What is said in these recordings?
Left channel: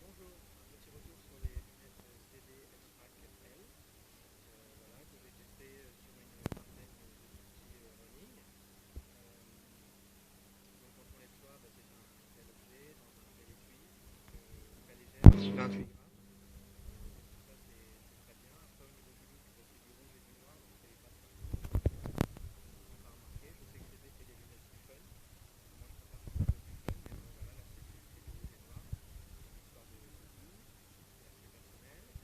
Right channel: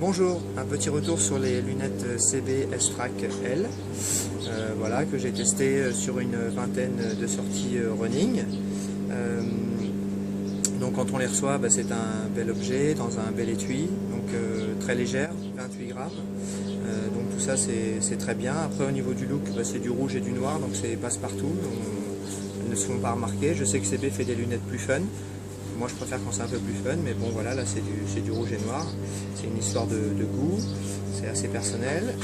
Bonjour, un petit retour sur les lunettes CB S-Track L, voilà, que j'ai testé sur une vingtaine de sorties running. Donc quand on les reçoit, c'est un bel objet dans un bel étui, donc très légère, 28 grammes. Donc tout ça c'est très bien. Après au niveau du look, c'est du rouge et du noir, donc c'est passe-partout. Elles ne se font pas remarquer. Je sais que CB fait des lunettes plus fun. Moi je préfère quand c'est un peu plus fun, mais bon voilà, là c'est du rouge et noir. C'est une histoire de goût, c'est assez personnel.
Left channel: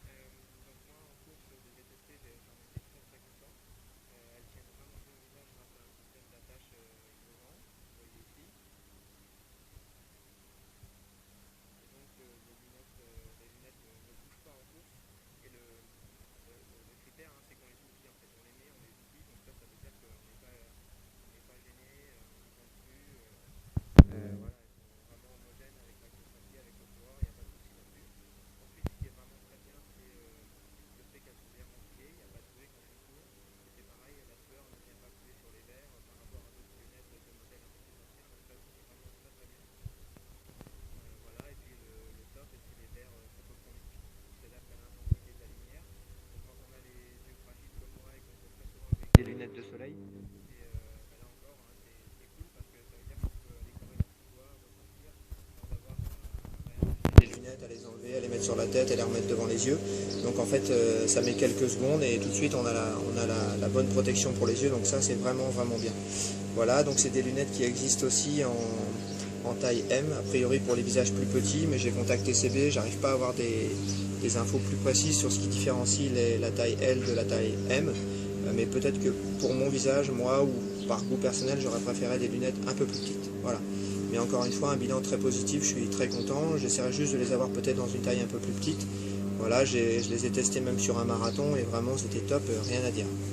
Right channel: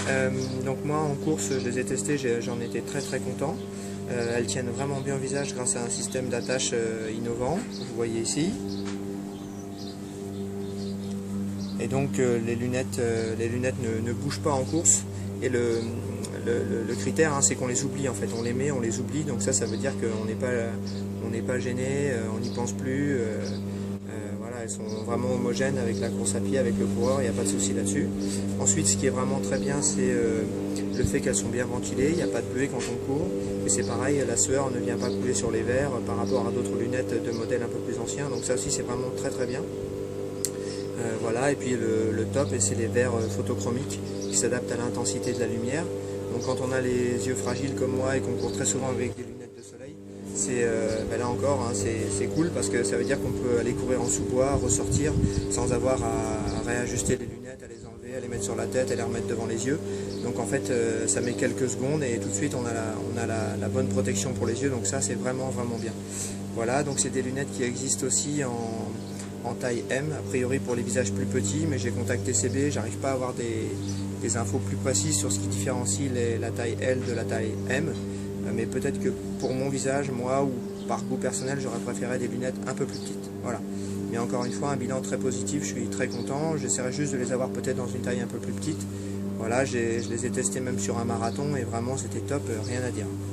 Donc moi en course je les ai testées, j'en étais très content. Elles tiennent vraiment bien au visage grâce à un système d'attache innovant, vous voyez ici. Et donc les lunettes ne bougent pas en course. Et le critère, c'est qu'on les oublie en fait, on les met, on les oublie, donc ça veut dire qu'on n'est pas gêné, on n'y pense plus. Voilà, elles sont vraiment homogènes avec la course à pied, avec le coureur, il n'y a pas de souci là-dessus. Ensuite, ce qui est vraiment très bien, c'est le fait qu'elles sont bien ventilées, il n'y a pas de buée quand on court. Et c'est pareil, la sueur ne vient pas couler sur les verres par rapport à d'autres lunettes de modèles un peu plus anciens, donc ça aussi c'est vraiment très bien. Voilà, et puis le top, c'est les verres photochromiques qui s'adaptent à l'intensité de la lumière. Donc quand on a les yeux fragiles comme moi et qu'on court très souvent avec des lunettes de soleil, là encore, c'est cool parce que ça veut dire qu'on peut aller courir en sous-bois, ressortir sans avoir à réajuster les lunettes, à les enlever, à les mettre sur la tête, à les remettre devant les yeux. Donc en fait ça met quelques secondes et tout de suite on a la bonne protection pour les yeux, donc ça c'est vraiment bien. Voilà, donc c'est des lunettes qui existent aussi en taille M, a priori pour les visages plus petits, mais j'ai contacté CB, j'arrive pas à avoir des infos plus précises sur ce qui différencie la taille L de la taille M, mais peut-être que pour mon visage, moi, ou par goût personnel, j'aurais préféré des lunettes un peu plus petites. Voilà. Mais encore une fois, un bilan très positif, je suis très content, j'essaierai juste de les avoir peut-être dans une taille un peu plus petite. Voilà, je les ai testés même sur un marathon et vraiment c'était top, rien à dire.